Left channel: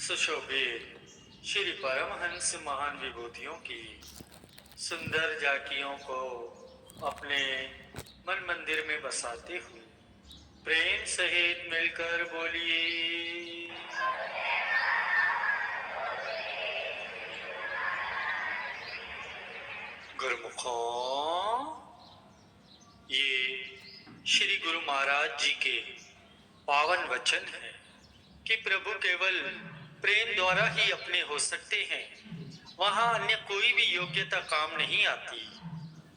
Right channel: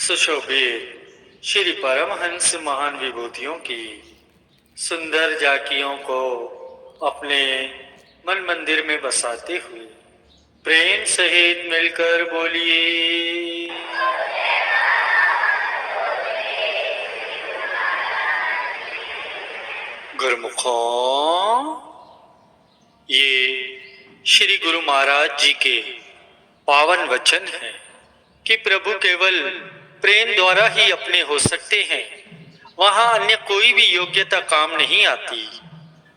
सुशोभित श्री परमहंस महान विभूतियों की सुंदर झांकियों को अपने मन मंदिर में बसाते हुए प्रेम सहित मिलकर बोलिए। गुरुमुखों, ये श्री गुरु महाराज जी के पावन वचन हैं कि प्रभु केवल प्रेम द्वारा ही अपने हो सकते हैं। वहां अन्य कोई भी योग्यता काम नहीं आती।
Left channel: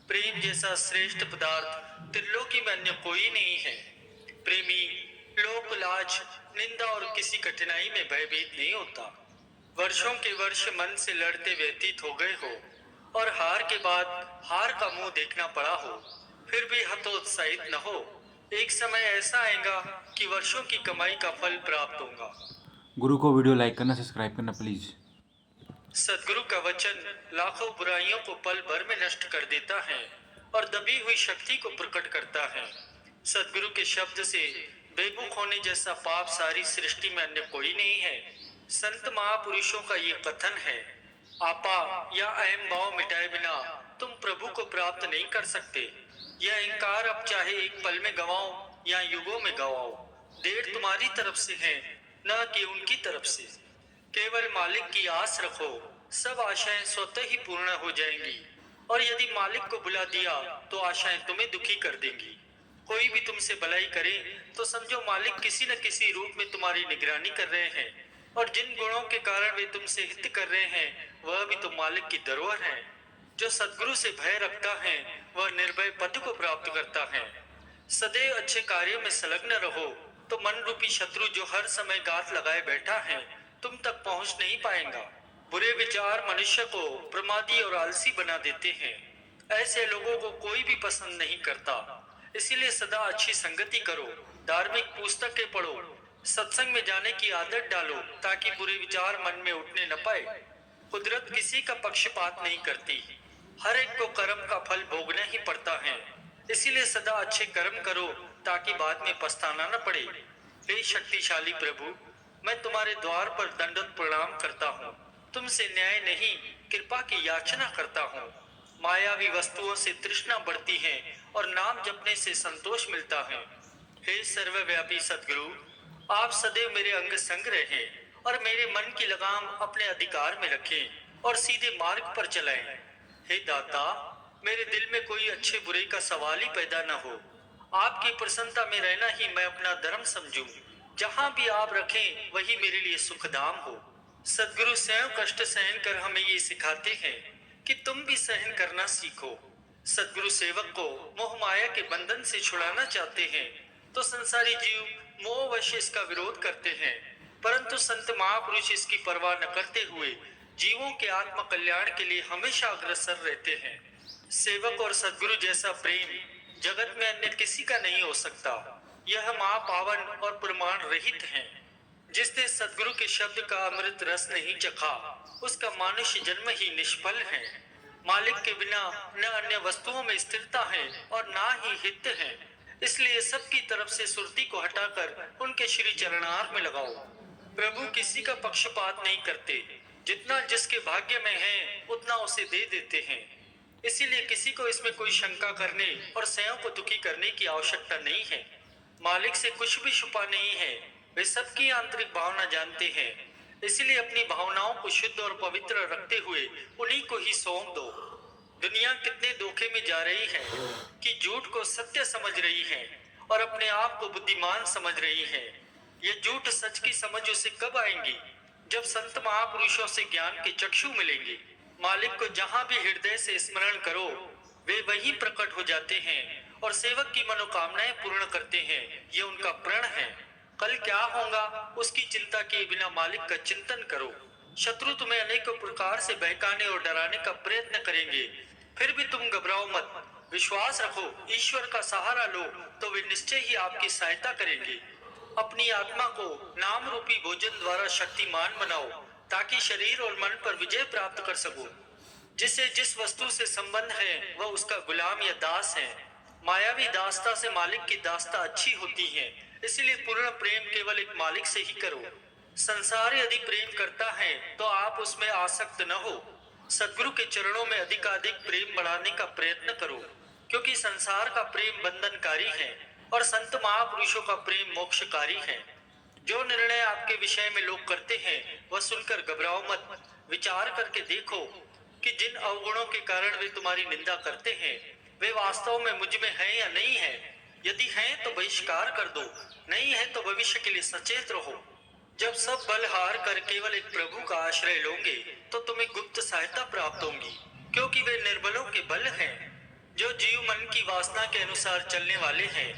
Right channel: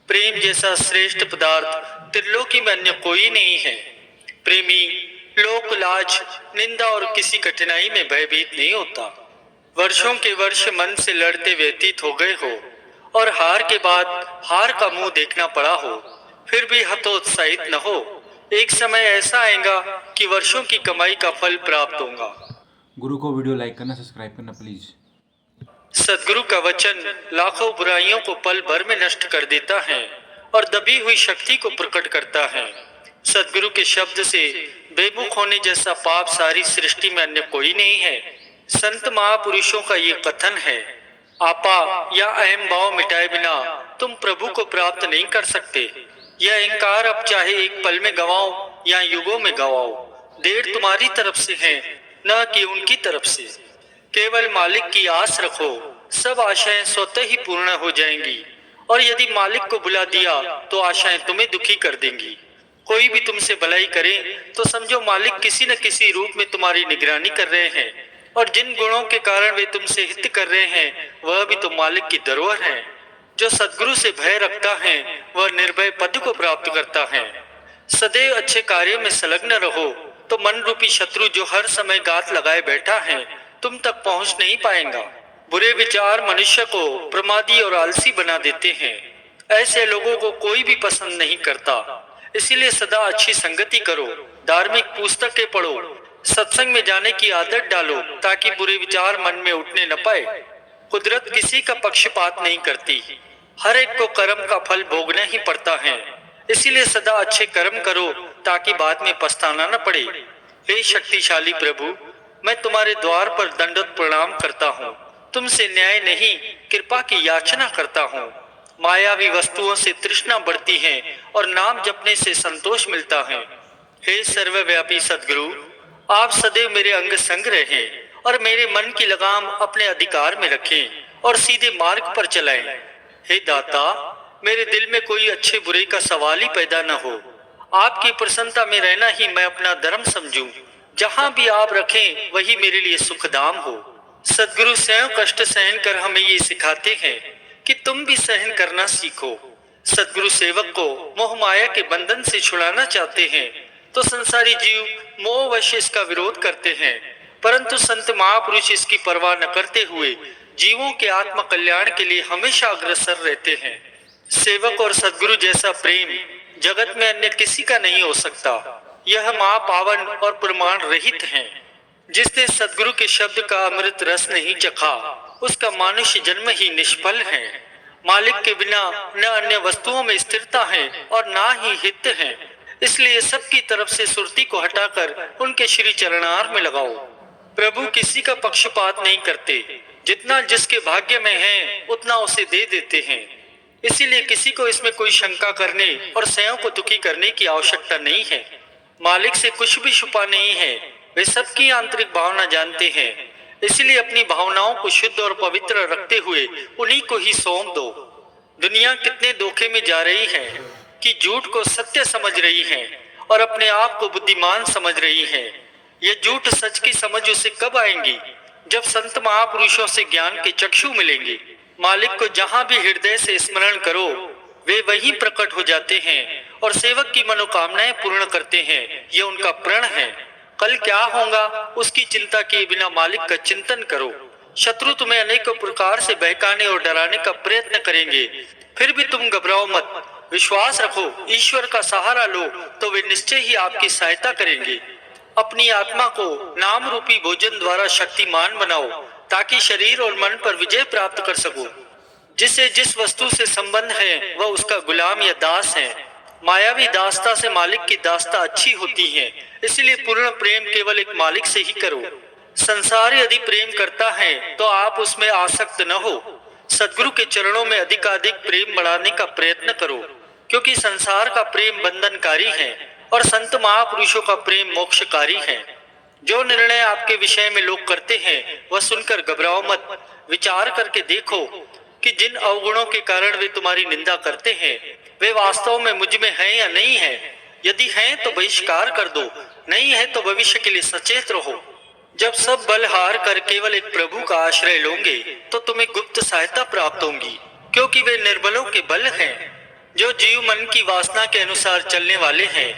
प्रेम जैसा श्रेष्ठ पदार्थ त्रिलोकी में अन्य कोई नहीं है। प्रेमी लोक लाज, निंदा और किसी कठिनाई में भयभीत नहीं होता। वर्षों के वर्ष मन से लड़ते व्यतीत हो गए हो और हार के बाद हार का मुंह देखना पड़ा हो, फिर भी हतोत्साहित न हो। एक समय ऐसा आएगा कि वर्षों की कमाई का फल प्राप्त होगा। गुरु को वीडियो लाइक करना, सब्सक्राइब करना प्लीज। सदगुरु का वचन लाखों बुराइयों को पल भर में नष्ट कर देता है और दबी हुई शक्ति को प्रकट करता है। सदगुरु के शब्द से बेमुख होने जैसा पाप सारी सृष्टि में अन्य कोई नहीं है। संत महापुरुषों का ये कथन है, आपा या अहम भाव मिटाए बिना तुम प्रभु को प्राप्त नहीं कर सकते। यह अहंकार अब चाहे एक पल में गवाओ या युगों में गवाओ, देर तुम्हारी तरफ से है, न कि उनकी तरफ से। केवल मालिक की आस रखो, सब आशाएं स्वतः ही पूर्ण हो जाएंगी। और यदि मालिक को बुला दिया तो आशाएं तुम्हें दुखी कर देंगी। कोई भी तुमसे भलाई करे तो समझो मालिक किसी न किसी रूप में तुम्हारी निगरानी कर रहे हैं, और जिन गुणों के कारण वे तुमसे हित कर रहे हैं वह भी तो मालिक की धरोहर है। जो सद्गुरु से भय रखता है वह निर्भय पद को प्राप्त करता है। सदैव अच्छे कार्यों में संलग्न रहो तो मन रूपी शत्रु जो हर समय गात लगाए बैठा है तुम तक पहुंच नहीं पाएगा। बुरे विचार मनुष्य को प्रमादी और आलसी बना देते हैं। ऐसे लोगों को कोई भी पसंद नहीं करता। इसीलिए सदा अच्छी संगति करो, धार्मिक पुस्तकें पढ़ो, सत्संग में जाने की आदत डालो ताकि बुरे विचार मन में उठने न पाए। कुदरत किसी का पक्षपात नहीं करती, हर एक को कर्म का फल भोगना ही पड़ता है। इसीलिए सदा अच्छे कर्म करो ताकि बाद में पछताना न पड़े। हे शक्तिशाली प्रभु, मैं तुम्हारे द्वार पर दंडवत प्रणाम करता हूँ। तुमसे न्याय नहीं, कृपा की याचना करता हूँ। मायावी वस्तुओं से तृष्णा बढ़ती है और नाम जपने से संतोष मिलता है। हे सर्वव्यापी सद्गुरु, आप सदैव मेरे अंग संग रहें और मेरे मन की लगाम अपने अधिकार में रखें और सीधे मार्ग पर चलाएं। हे दाता, मेरे दिल में कोई अच्छे बुरे का सवाल ही पैदा न हो। आपकी प्रसन्नता में रहना ही मैं अपना धर्म समझूं। जहां भी आप रखें वही मेरे लिए सुखधाम हो। सद्गुरु स्वयं कष्ट सहन कर हमें ये सिखाते हैं कि तुम भी सहन करना सीखो। सद्गुरु सेवक को मोह माया के बंधन से छुड़ाना चाहते हैं तो संसारी जीव मोहवश इसका विरोध करते हैं, परंतु संत महापुरुष इसकी परवाह न करते हुए जीवों के आत्म कल्याण के लिए हमेशा अग्रसर रहते हैं। सेवक और सद्गुरु जैसा प्रेम जगत में अन्य किसी का नहीं हो सकता। यह महापावन और प्रमाण रहित है। जिसने सद्गुरु के शब्द का अमृत रस नहीं चखा उसका मानुष्य जन्म ही निष्फल है। मालिक के बिना न अन्य वस्तुओं में स्थिरता है और ना ही हित है। इसलिए सबकी तरफ से सुरती को हटाकर उनके श्री चरणार में लगाओ। प्रभु किसी का पक्षपात नहीं करते, जितना जिसके भाग्य में है उतना उसे दे देते हैं। इसीलिए किसी को इसमें कोई शंका करने और स्वयं को दुखी करने की आवश्यकता नहीं है। मालिक से कुछ भी छुपा नहीं है, वे सबकी आंतरिक भावना जानते हैं। इसलिए अपनी भावनाओं को शुद्ध और पवित्र रखते हुए उन्हीं को ही सौंप दो। दुनिया कितने धोखे में जा रही है कि झूठ को सत्य समझ रही है और अपने आप को बुद्धिमान समझ रही है। ये झूठ सच की समझ उसे कब आएंगी? जब संत महापुरुषों से ज्ञान के चक्षु मिलेंगे। मालिक को जहां भी हृदय से स्मरण करो वे वहीं प्रकट हो जाते हैं और सेवक की मनोकामनाएं पूर्ण करते हैं। ये उनका प्रण है। कल क्या होगा उसकी चिंता किए बिना मालिक का चिंतन करो। शत्रु तुम्हें अनेकों प्रकार से बहकाने और डराने का प्रयत्न करेंगे, फिर भी तुम घबराओ मत। विश्वास रखो, ईश्वर का सहारा लो तो वे निश्चय ही आपकी सहायता करेंगे। अपनी आत्मा को नाम रूपी भोजन द्वारा शक्तिमान बनाओ ताकि शरीर और मन पर विजय प्राप्त कर सको। जिसे जिस वस्तु से संबंध है वह उसका गुलाम या दास है। मायावी दासता से मालिक की दासता अच्छी होती है। इसलिए पूर्ण प्रेम केवल एक मालिक से ही करो। संसार यदि प्रेम करता है तो आप उसमें आसक्त न हो। सदगुरु के चरणों में अधिकाधिक प्रेम बढ़ाने का प्रयत्न करो, क्योंकि संसार का प्रेम बंधनकारी है और संत महापुरुषों का प्रेम मोक्षकारी है। जो निर्णय आपके विषय में लोग करते हैं वह सुनकर घबराओ मत। विचार करके देखो कि जिन अवगुणों के कारण वे तुम्हारी निंदा करते हैं वे वास्तव में मुझ में हैं या नहीं है। यदि हैं तो बहिष्कार कर दो, नहीं है तो भविष्य के लिए सचेत रहो। जब सब बल हार कर केवल एक प्रभु का आश्रय लोगे तो तुम्हें गुप्त सहायता प्राप्त होगी, क्योंकि वे निर्बलों के बल हैं। जो जीव मन की वासना के अनुसार चलने वाले हैं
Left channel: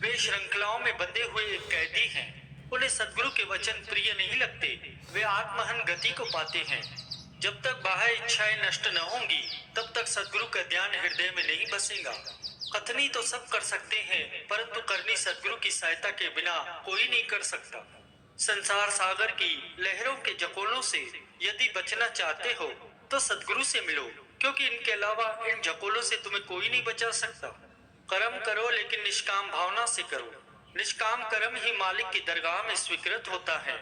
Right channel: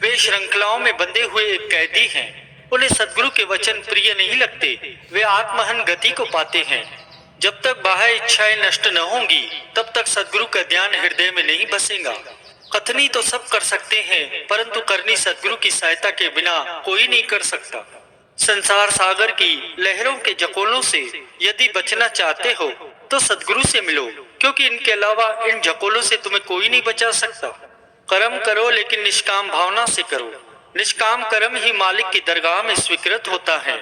वे श्रृंखलाओं में बंधे हुए एक कैदी हैं। उन्हें सदगुरु के वचन प्रिय नहीं लगते, वे आत्महन गति को पाते हैं। जब तक बाह्य इच्छाएं नष्ट न होंगी तब तक सदगुरु का ध्यान हृदय में नहीं बसेगा। कथनी तो सब कर सकते हैं, परंतु करनी सदगुरु की सहायता के बिना कोई नहीं कर सकता। संसार सागर की लहरों के जकोलों से यदि बचना चाहते हो तो सदगुरु से मिलो, क्योंकि इनके अलावा इन जकोलों से तुम्हें कोई नहीं बचा सकता। कर्म करो लेकिन निष्काम भावना से करो। निष्काम कर्म ही मालिक की दरगाह में स्वीकृत होता है।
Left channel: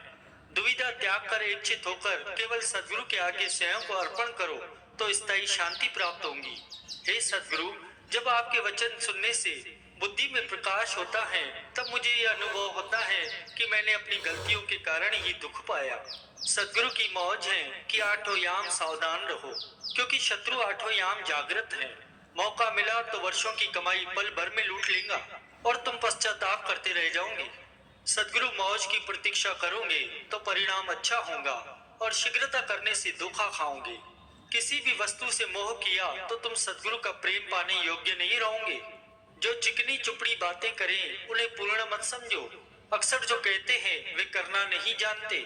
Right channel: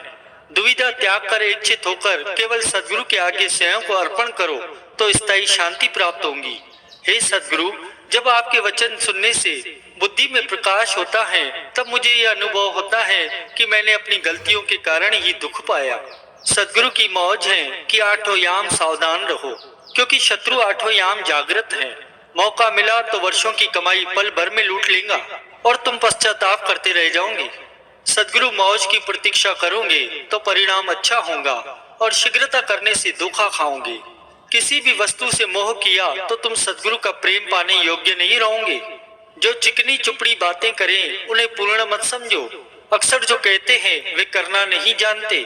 दुविधा त्याग कर इच्छित होकर केवल सदगुरु के आगे स्वयं को अर्पण करो तो स्थायी शांति प्राप्त होगी। हे सदगुरु, जब आपके वचन सुनने से बुद्धि में प्रकाश होता है तब मुझे यह अनुभव होता है कि मैंने अपनी गलतियों के कारण ही दुख पाया। सदगुरु की मौज है कि आठों याम सावधान रहो, क्योंकि शत्रु आठों याम जागृत है। मौका मिला तो वर्षों की कमाई पल भर में लूट लेगा और तुम पश्चाताप करते रह जाओगे। सदगुरु मौज की प्रतीक्षा करोगे तो परिणाम अच्छा होगा और शीघ्रता करने से धोखा खाओगे। किसी भी वस्तु से मोह किया तो तुम सदगुरु का प्रेम पाने योग्य नहीं रहोगे। जो चिकनी चुपड़ी बातें करें उन्हें पूर्ण मत समझो। अक्सर जो कहते हैं वे करना नहीं जानते।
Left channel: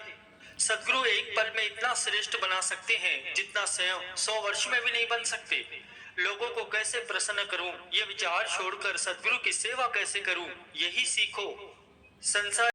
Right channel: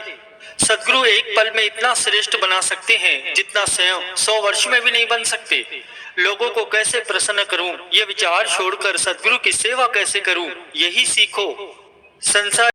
सदगुरु एक पल में इतना श्रेष्ठ बना सकते हैं जितना स्वयं 100 वर्ष में भी नहीं बन सकते। लोगों को कैसे प्रसन्न करूं, ये विचार छोड़कर सदगुरु की सेवा कैसे करूं, यही सीखो। संसार